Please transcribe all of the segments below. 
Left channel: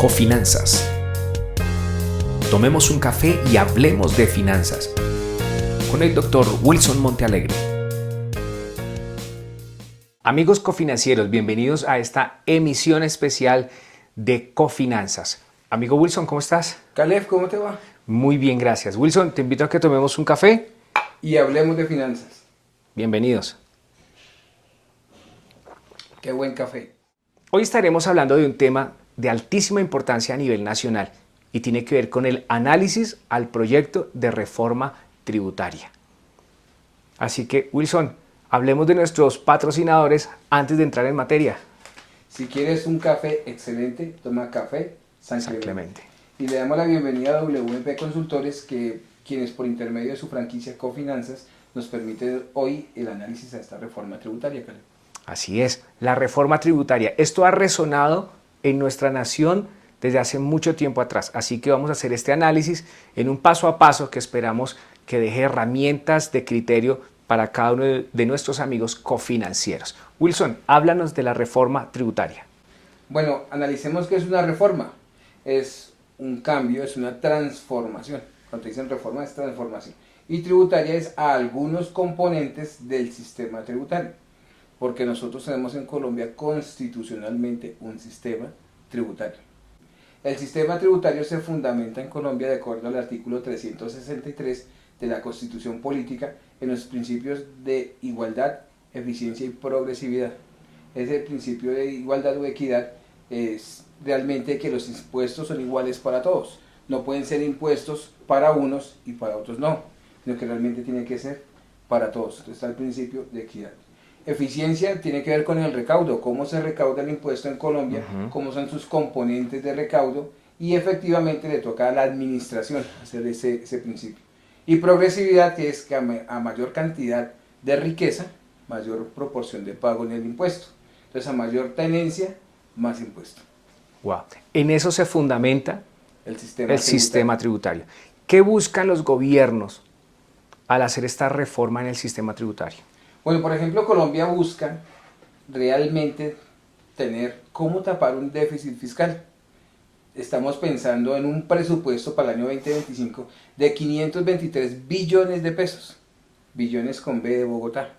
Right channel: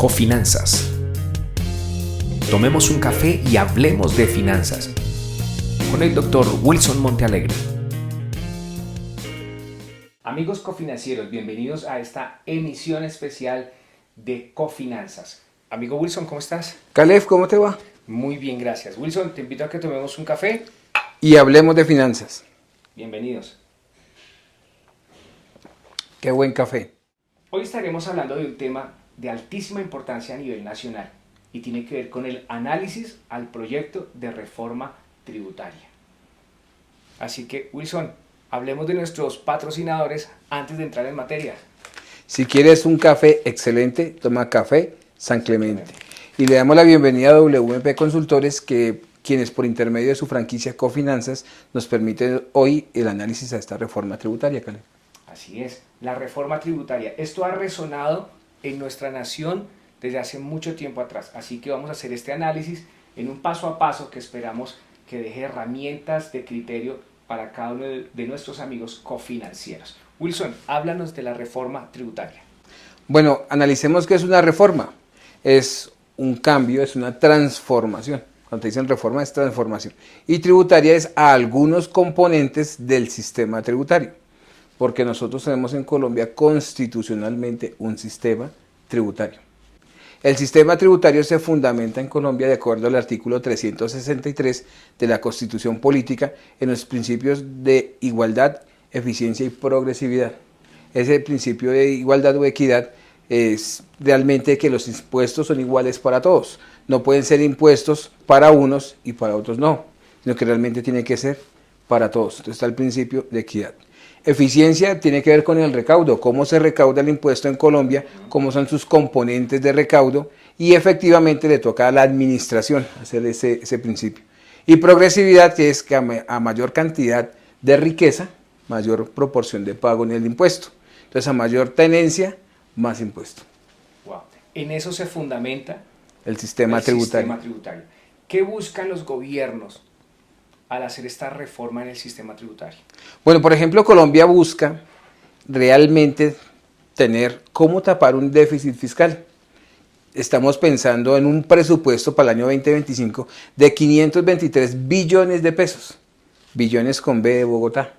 Cofinanzas. Tomemos un café y hablemos de finanzas con el Dr. Wilson Montealegre. Amigos cofinancieros, bienvenidos a esta emisión especial de Cofinanzas. Amigo Wilson, ¿cómo estás? Caleb, ¿cómo te va? Muy bien, gracias. Wilson, te invito a que tomemos un café. Y hablemos de finanzas. Bienvenidos. Qué buen café. Hoy estaremos hablando de un tema de altísima importancia a nivel nacional y tiene que ver con el análisis al proyecto de reforma tributaria. Así que, Wilson, hablemos de nuestros patrocinadores antes de entrar en materia. Si quieres un café excelente, toma Café San Clemente. Y le damos la bienvenida a WMP Consultores, quienes por intermedio de su franquicia Cofinanzas nos permiten hoy el análisis a esta reforma tributaria, Caleb. Así es, la reforma tributaria. Esto ha resonado en nuestra nación desde hace mucho tiempo atrás. Así que vamos a hacer este análisis en un paso a paso que esperamos que deje herramientas de criterio para cada uno de nuestros amigos cofinancieros. Wilson, háblanos de la reforma tributaria. Bueno, analicemos qué es una reforma. Es un cambio, es una transformación. Cuando te dicen reforma es transformación. Y tributaria es a algunos componentes del sistema tributario. Porque nosotros tenemos en Colombia constitucionalmente un sistema tributario. El sistema tributario se fundamenta en Colombia de acuerdo al artículo 363 de la Constitución Política en los principios de igualdad, eficiencia y progresividad. Ese principio de igualdad o equidad es realmente que los impuestos son iguales para todos. No pueden ser impuestos para unos y para otros no, sino que realmente tiene que ser para todos. Entonces está el principio de equidad. Eficiencia tiene que ver con el recaudo, cómo se recauda el impuesto en Colombia, cómo son sus componentes de recaudo y efectivamente le toca a la administración hacer ese principio. Y progresividad, que es que a mayor cantidad de riqueza, mayor proporción de pago en el impuesto. Entonces a mayor tenencia, más impuesto. Wow. En eso se fundamenta el sistema tributario. ¿Qué buscan los gobiernos al hacer esta reforma en el sistema tributario? Bueno, por ejemplo, Colombia busca realmente tener cómo tapar un déficit fiscal. Estamos pensando en un presupuesto para el año 2025 de 523 billones de pesos. Billones con B de Bogotá.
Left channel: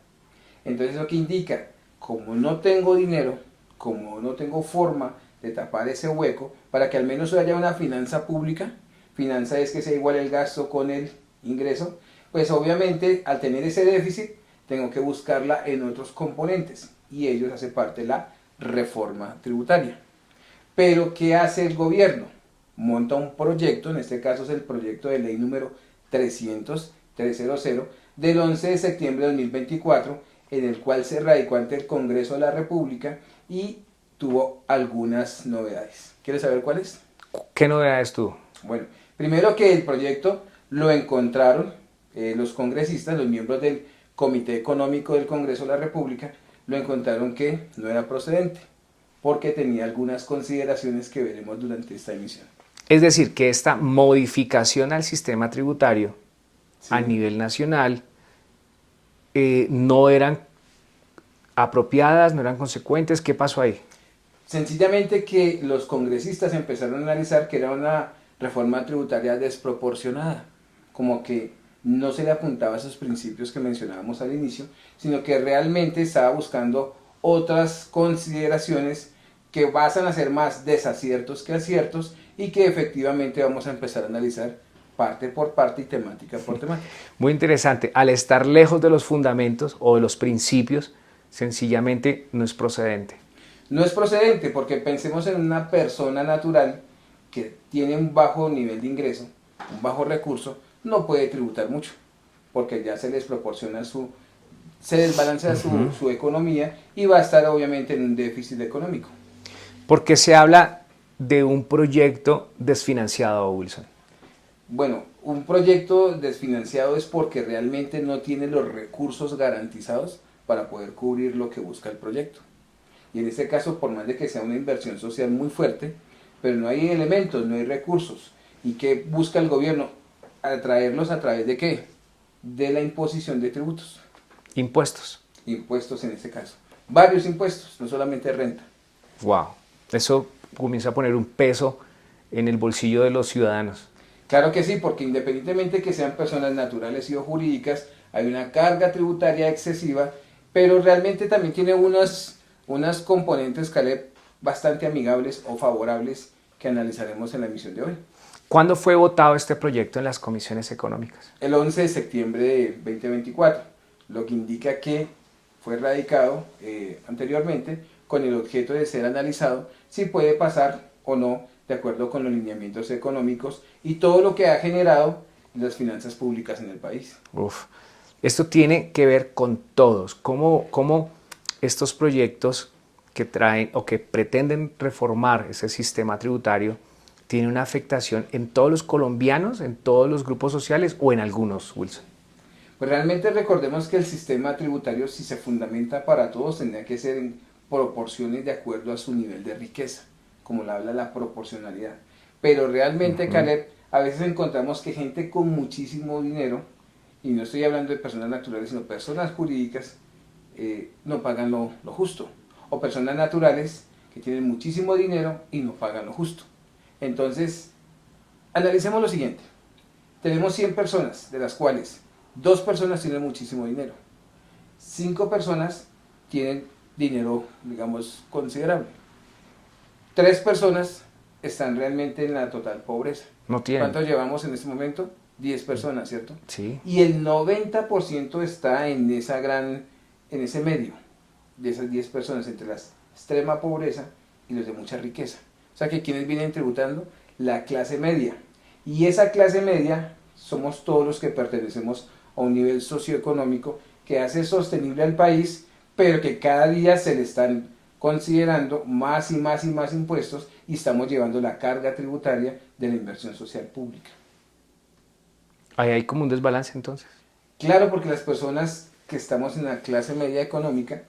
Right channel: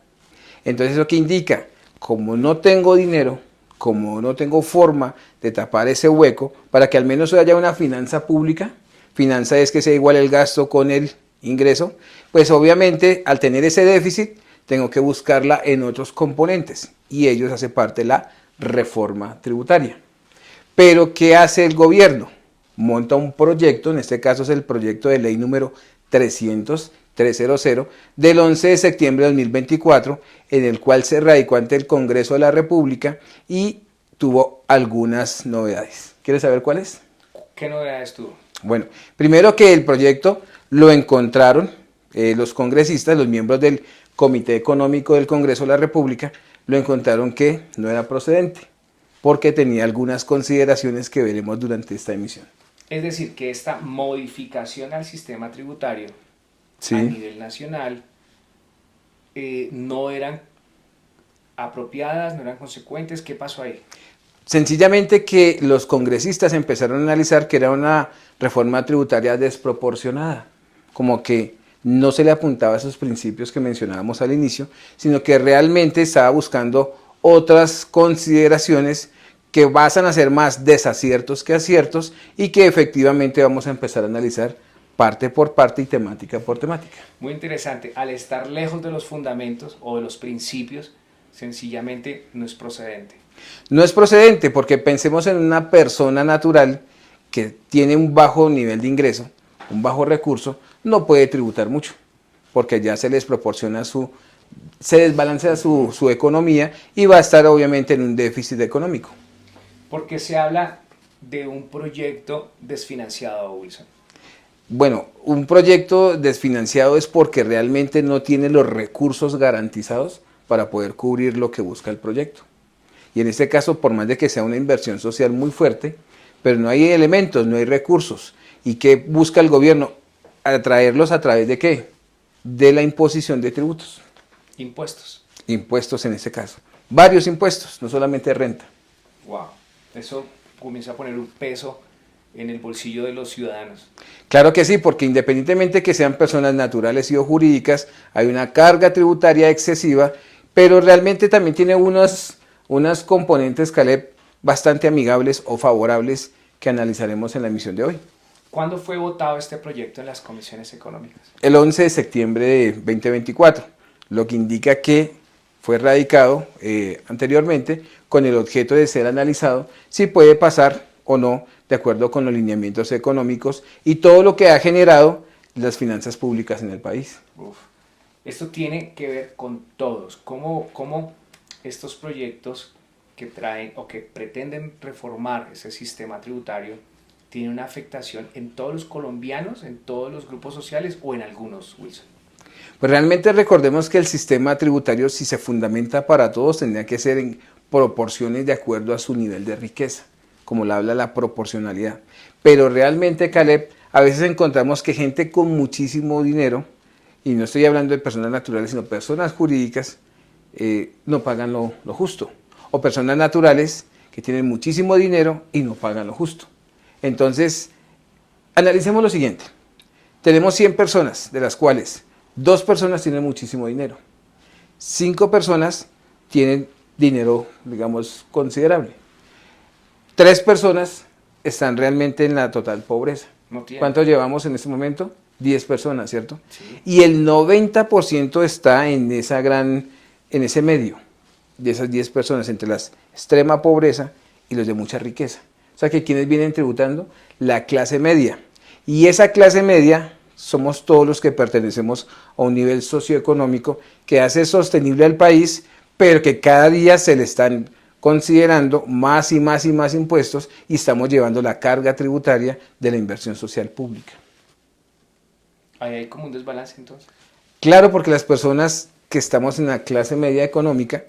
Entonces, ¿eso qué indica? Como no tengo dinero, como no tengo forma de tapar ese hueco, para que al menos haya una finanza pública, finanza es que sea igual el gasto con el ingreso, pues obviamente al tener ese déficit, tengo que buscarla en otros componentes y ellos hacen parte de la reforma tributaria. Pero ¿qué hace el gobierno? Monta un proyecto, en este caso es el proyecto de ley número 300 del 11 de septiembre de 2024, en el cual se radicó ante el Congreso de la República y tuvo algunas novedades. ¿Quieres saber cuáles? ¿Qué novedades tuvo? Bueno, primero que el proyecto lo encontraron los congresistas, los miembros del Comité Económico del Congreso de la República, lo encontraron que no era procedente, porque tenía algunas consideraciones que veremos durante esta emisión. Es decir, que esta modificación al sistema tributario sí, a nivel nacional no eran apropiadas, no eran consecuentes. ¿Qué pasó ahí? Sencillamente que los congresistas empezaron a analizar que era una reforma tributaria desproporcionada, como que no se le apuntaba a esos principios que mencionábamos al inicio, sino que realmente estaba buscando otras consideraciones que basan a ser más desaciertos que aciertos y que efectivamente vamos a empezar a analizar parte por parte y temática por temática. Muy interesante. Al estar lejos de los fundamentos o de los principios, sencillamente no es procedente. No es procedente porque pensemos en una persona natural que tiene un bajo nivel de ingreso, un bajo recurso, no puede tributar mucho, porque ya se les proporciona se desbalancea su economía y va a estar obviamente en un déficit económico. ¿Por qué se habla de un proyecto desfinanciado, Wilson? Bueno, un proyecto desfinanciado es porque realmente no tiene los recursos garantizados para poder cubrir lo que busca el proyecto. Y en este caso, por más de que sea una inversión social muy fuerte, pero no hay elementos, no hay recursos. ¿Y qué busca el gobierno? Atraerlos a través de ¿qué? De la imposición de tributos. Impuestos. Impuestos en este caso. Varios impuestos, no solamente renta. Wow. Eso comienza a poner un peso en el bolsillo de los ciudadanos. Claro que sí, porque independientemente que sean personas naturales y o jurídicas, hay una carga tributaria excesiva, pero realmente también tiene unas componentes, Caleb, bastante amigables o favorables que analizaremos en la emisión de hoy. ¿Cuándo fue votado este proyecto en las comisiones económicas? El 11 de septiembre de 2024, lo que indica que fue radicado anteriormente con el objeto de ser analizado si puede pasar o no de acuerdo con los lineamientos económicos y todo lo que ha generado las finanzas públicas en el país. Uf. Esto tiene que ver con todos. ¿Cómo estos proyectos que traen o que pretenden reformar ese sistema tributario tienen una afectación en todos los colombianos, en todos los grupos sociales o en algunos, Wilson? Pues realmente recordemos que el sistema tributario, si se fundamenta para todos, tendría que ser en proporciones de acuerdo a su nivel de riqueza, como la habla la proporcionalidad. Pero realmente, Caleb, a veces encontramos que gente con muchísimo dinero, y no estoy hablando de personas naturales, sino personas jurídicas, no pagan lo justo. O personas naturales que tienen muchísimo dinero y no pagan lo justo. Entonces, analicemos lo siguiente. Tenemos 100 personas, de las cuales 2 personas tienen muchísimo dinero. 5 personas tienen dinero, digamos, considerable. 3 personas están realmente en la total pobreza. No tienen. ¿Cuántos llevamos en este momento? 10 personas, ¿cierto? Sí. Y el 90% está en ese medio, de esas 10 personas, entre la extrema pobreza y los de mucha riqueza. O sea que ¿quiénes vienen tributando? La clase media. Y esa clase media somos todos los que pertenecemos a un nivel socioeconómico que hace sostenible al país, pero que cada día se le están considerando más y más y más impuestos y estamos llevando la carga tributaria de la inversión social pública. Ahí hay como un desbalance entonces. Claro, porque las personas que estamos en la clase media económica,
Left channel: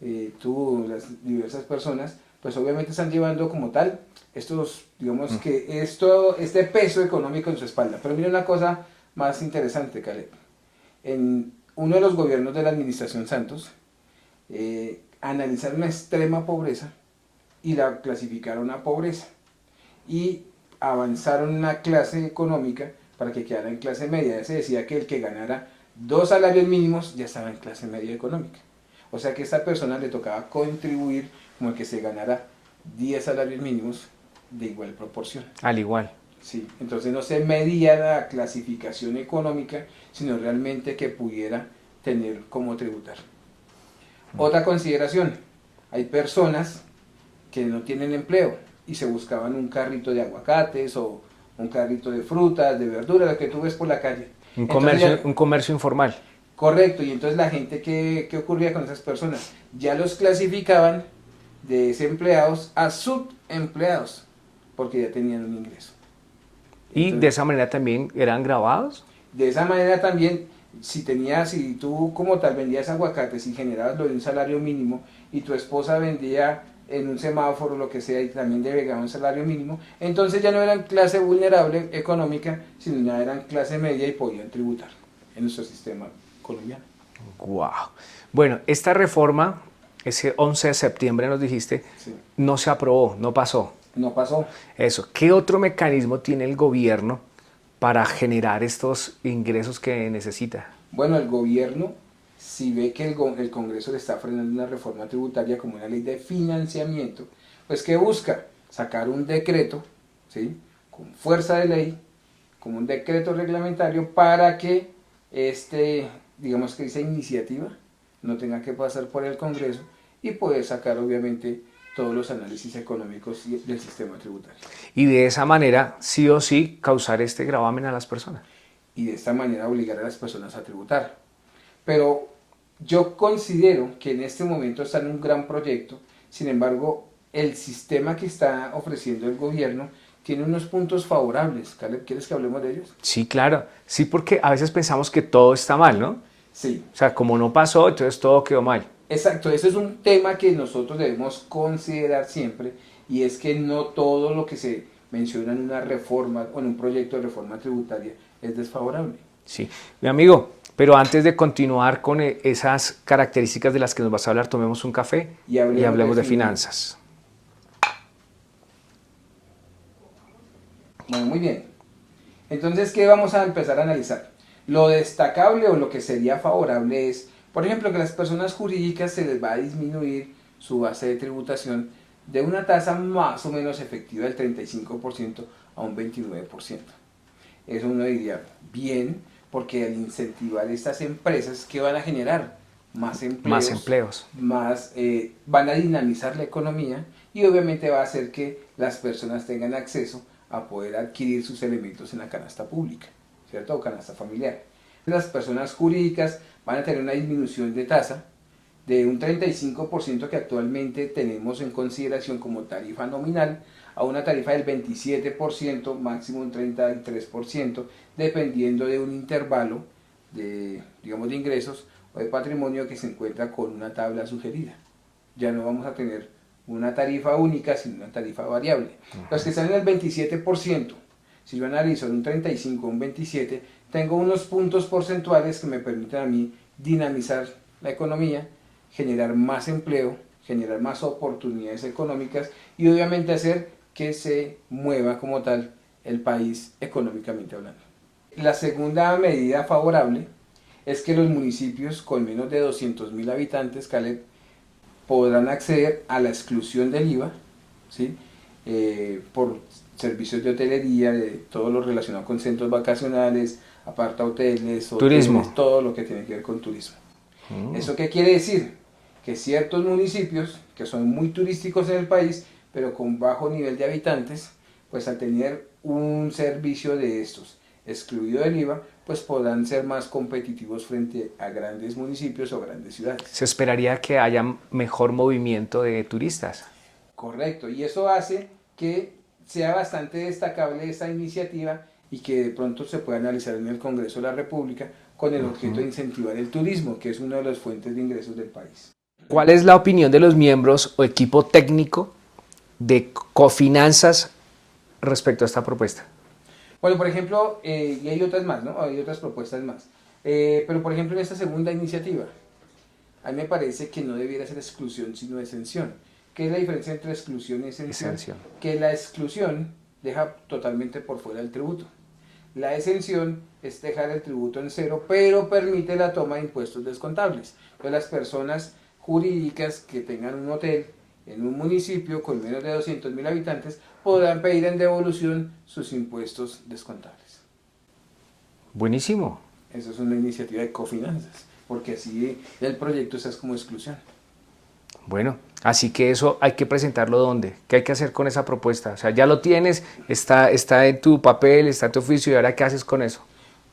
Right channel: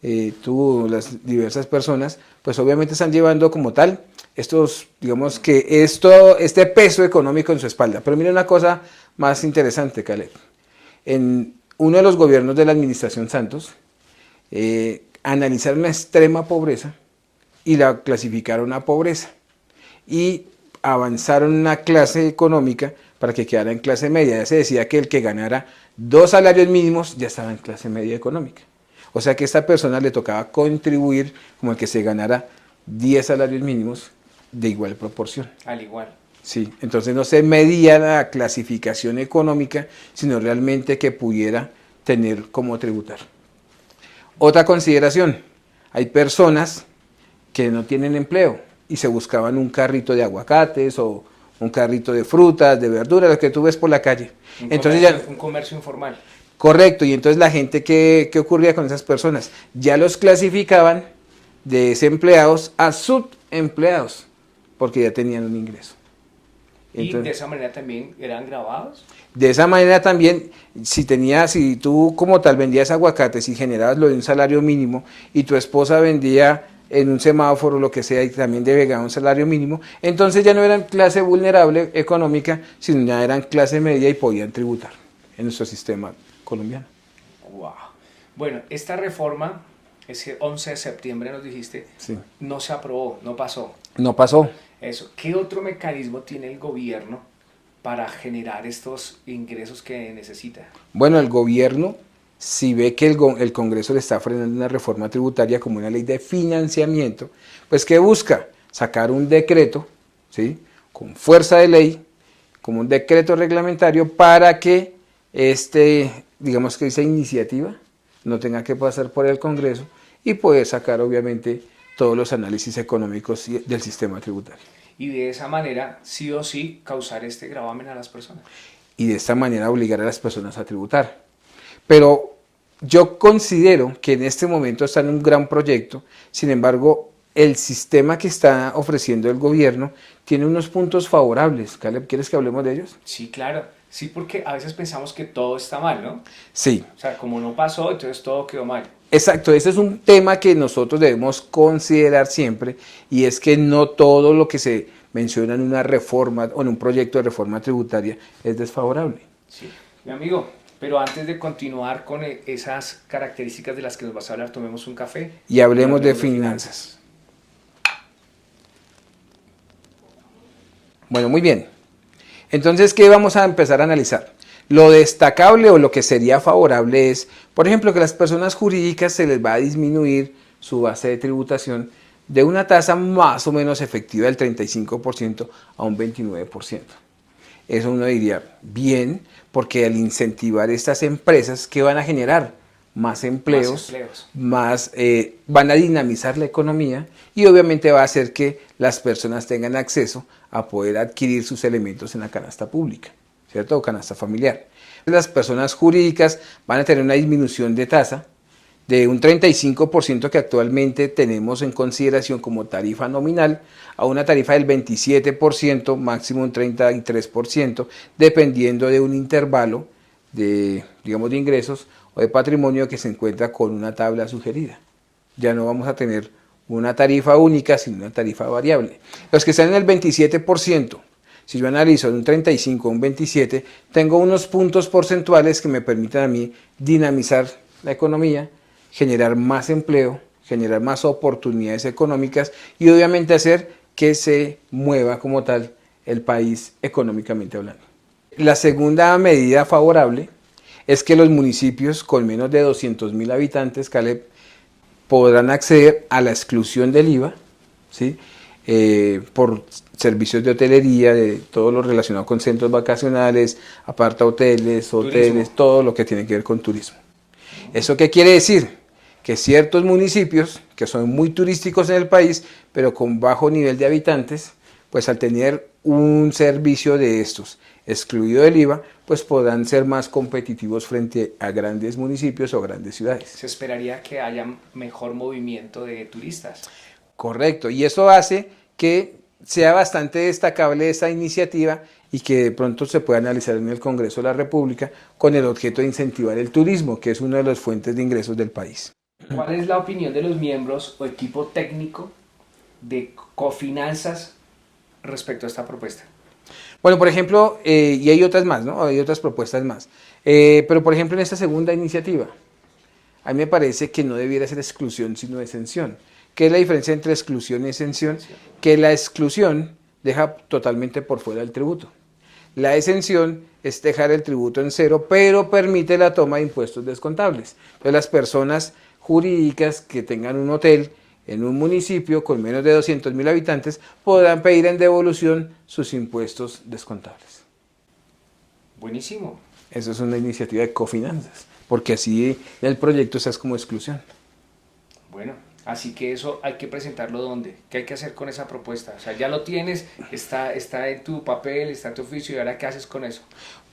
las diversas personas, pues obviamente están llevando como tal digamos que este peso económico en su espalda. Pero mira una cosa más interesante, Caleb. En uno de los gobiernos de la administración Santos, analizaron la extrema pobreza y la clasificaron a pobreza. Y avanzaron una clase económica para que quedara en clase media. Ya se decía que el que ganara 2 salarios mínimos ya estaba en clase media económica. O sea que a esta persona le tocaba contribuir como el que se ganara 10 salarios mínimos de igual proporción. Al igual. Sí, entonces no se medía la clasificación económica, sino realmente que pudiera tener cómo tributar. Otra consideración, hay personas que no tienen empleo y se buscaban un carrito de aguacates o un carrito de frutas, de verduras, lo que tú ves por la calle. Un comercio informal. Correcto, y entonces la gente, ¿qué ocurría con esas personas? Ya los clasificaban de desempleados a subempleados, porque ya tenían un ingreso. Y entonces, de esa manera también eran grabados. De esa manera también, si tú como tal vendías aguacates y generabas lo de un salario mínimo y tu esposa vendía en un semáforo, lo que sea, y también llegaba un salario mínimo, entonces ya no eran clase vulnerable económica, sino ya eran clase media y podían tributar en nuestro sistema colombiano. Wow. Bueno, esta reforma, ese 11 de septiembre nos dijiste, Sí. no se aprobó, no pasó. No pasó. Eso. ¿Qué otro mecanismo tiene el gobierno para generar estos ingresos que necesita? Bueno, el gobierno, si ve que el Congreso le está frenando una reforma tributaria como una ley de financiamiento, pues ¿qué busca? Sacar un decreto, ¿sí?, con fuerza de ley, como un decreto reglamentario para que digamos que esa iniciativa no tenga que pasar por el Congreso y poder sacar obviamente todos los análisis económicos del sistema tributario. Y de esa manera, sí o sí, causar este gravamen a las personas. Y de esta manera obligar a las personas a tributar. Pero yo considero que en este momento está en un gran proyecto, sin embargo, el sistema que está ofreciendo el gobierno tiene unos puntos favorables. Caleb, ¿quieres que hablemos de ellos? Sí, claro. Sí, porque a veces pensamos que todo está mal, ¿no? Sí. O sea, como no pasó, entonces todo quedó mal. Exacto, ese es un tema que nosotros debemos considerar siempre, y es que no todo lo que se menciona en una reforma o en un proyecto de reforma tributaria es desfavorable. Sí, mi amigo, pero antes de continuar con esas características de las que nos vas a hablar, tomemos un café Y hablemos de finanzas. Bueno, muy bien. Entonces, ¿qué vamos a empezar a analizar? Lo destacable o lo que sería favorable es, por ejemplo, que las personas jurídicas se les va a disminuir su base de tributación de una tasa más o menos efectiva del 35% a un 29%. Eso uno diría, bien, porque al incentivar estas empresas que van a generar más empleos, van a dinamizar la economía y obviamente va a hacer que las personas tengan acceso a poder adquirir sus elementos en la canasta pública, ¿cierto? O canasta familiar. Las personas jurídicas van a tener una disminución de tasa de un 35% que actualmente tenemos en consideración como tarifa nominal a una tarifa del 27%, máximo un 33%, dependiendo de un intervalo de, digamos, de ingresos o de patrimonio que se encuentra con una tabla sugerida. Ya no vamos a tener una tarifa única, sino una tarifa variable. Los que están en el 27%, si yo analizo de un 35 a un 27, tengo unos puntos porcentuales que me permitan a mí dinamizar la economía, generar más empleo, generar más oportunidades económicas y obviamente hacer que se mueva como tal el país económicamente hablando. La segunda medida favorable es que los municipios con menos de 200.000 habitantes, Caleb, podrán acceder a la exclusión del IVA, ¿sí? Por servicios de hotelería, de todo lo relacionado con centros vacacionales, apartahoteles, hoteles, todo lo que tiene que ver con turismo. ¿Eso qué quiere decir? Que ciertos municipios que son muy turísticos en el país, pero con bajo nivel de habitantes, pues al tener un servicio de estos excluido del IVA, pues podrán ser más competitivos frente a grandes municipios o grandes ciudades. Se esperaría que haya mejor movimiento de turistas. Correcto, y eso hace que sea bastante destacable esta iniciativa y que de pronto se pueda analizar en el Congreso de la República con el objeto de incentivar el turismo, que es una de las fuentes de ingresos del país. ¿Cuál es la opinión de los miembros o equipo técnico de Cofinanzas respecto a esta propuesta? Bueno, por ejemplo, y hay otras más, ¿no? Hay otras propuestas más. Pero, por ejemplo, en esta segunda iniciativa, a mí me parece que no debiera ser exclusión, sino exención. ¿Qué es la diferencia entre exclusión y exención? Que la exclusión deja totalmente por fuera el tributo. La exención es dejar el tributo en cero, pero permite la toma de impuestos descontables. Entonces, las personas jurídicas que tengan un hotel en un municipio con menos de 200.000 habitantes podrán pedir en devolución sus impuestos descontables. Buenísimo. Eso es una iniciativa de Cofinanzas, porque así el proyecto se hace como exclusión. Bueno, así que eso hay que presentarlo ¿dónde? ¿Qué hay que hacer con esa propuesta? O sea, ya lo tienes, está en tu papel, está en tu oficio, ¿y ahora qué haces con eso?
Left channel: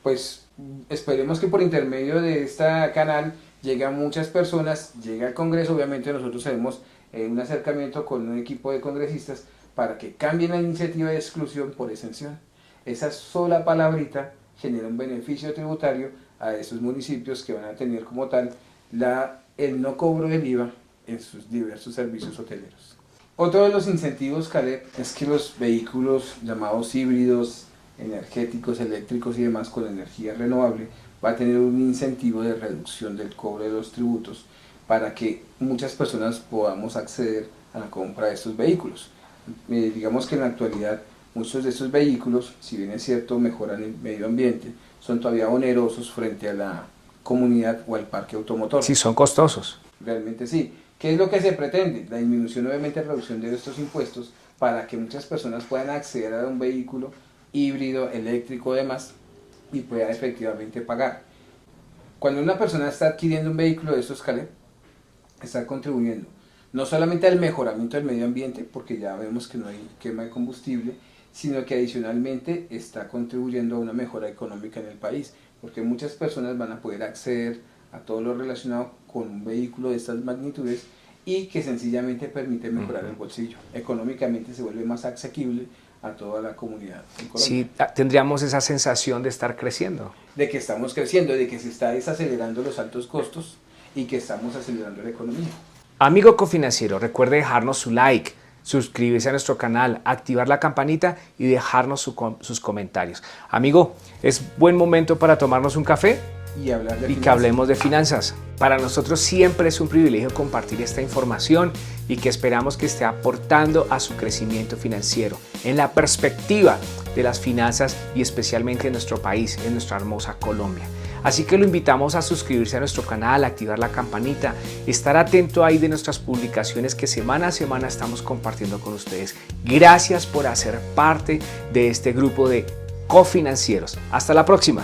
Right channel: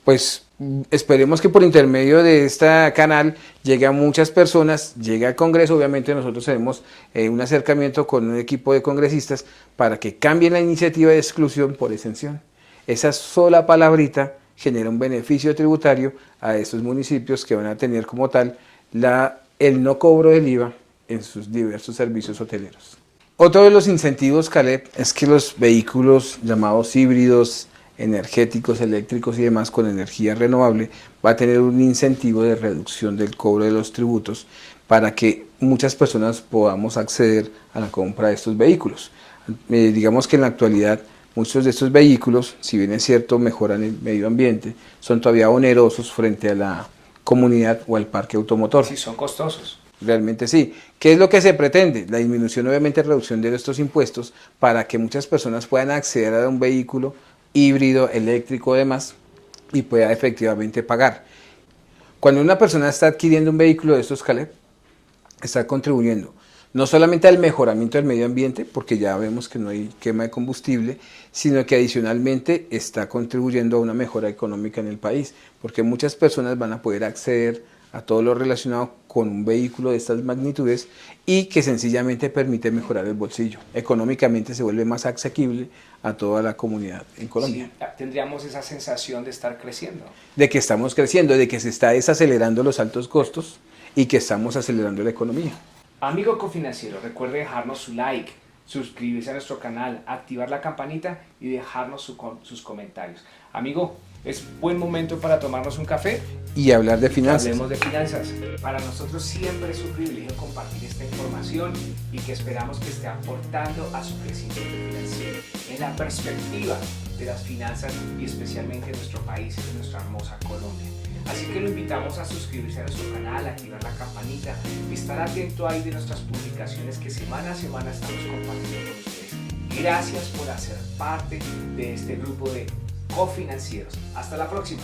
Pues esperemos que por intermedio de este canal llegue a muchas personas, llegue al Congreso. Obviamente nosotros haremos un acercamiento con un equipo de congresistas para que cambien la iniciativa de exclusión por exención. Esa sola palabrita genera un beneficio tributario a estos municipios que van a tener como tal el no cobro del IVA en sus diversos servicios hoteleros. Otro de los incentivos, Caleb, es que los vehículos llamados híbridos, energéticos, eléctricos y demás con energía renovable va a tener un incentivo de reducción del cobro de los tributos para que muchas personas podamos acceder a la compra de estos vehículos. Digamos que en la actualidad muchos de estos vehículos, si bien es cierto mejoran el medio ambiente, son todavía onerosos frente a la comunidad o al parque automotor. Sí, son costosos. Realmente sí. ¿Qué es lo que se pretende? La disminución, obviamente, reducción de estos impuestos para que muchas personas puedan acceder a un vehículo híbrido, eléctrico, demás, y pueda efectivamente pagar. Cuando una persona está adquiriendo un vehículo de estos, Caleb, está contribuyendo no solamente al mejoramiento del medio ambiente, porque ya vemos que no hay quema de combustible, sino que adicionalmente está contribuyendo a una mejora económica en el país, porque muchas personas van a poder acceder a todo lo relacionado con un vehículo de estas magnitudes y que sencillamente permite mejorar el bolsillo. Económicamente se vuelve más asequible a toda la comunidad en Colombia. Sí, tendríamos esa sensación de estar creciendo. De que estamos creciendo, de que se está desacelerando los altos costos y que estamos acelerando la economía. Amigo cofinanciero, recuerde dejarnos su like, suscribirse a nuestro canal, activar la campanita y dejarnos sus comentarios. Amigo, ¿es buen momento para tomarnos un café? y hablar de y que finanzas. hablemos de finanzas. Para nosotros siempre es un privilegio compartir esta información y que esperamos que esté aportando a su crecimiento financiero, en la perspectiva de las finanzas y especialmente en nuestro país, en nuestra hermosa Colombia. Así que lo invitamos a suscribirse a nuestro canal, activar la campanita, estar atento ahí de nuestras publicaciones que semana a semana estamos compartiendo con ustedes. Gracias por hacer parte de este grupo de cofinancieros. Hasta la próxima.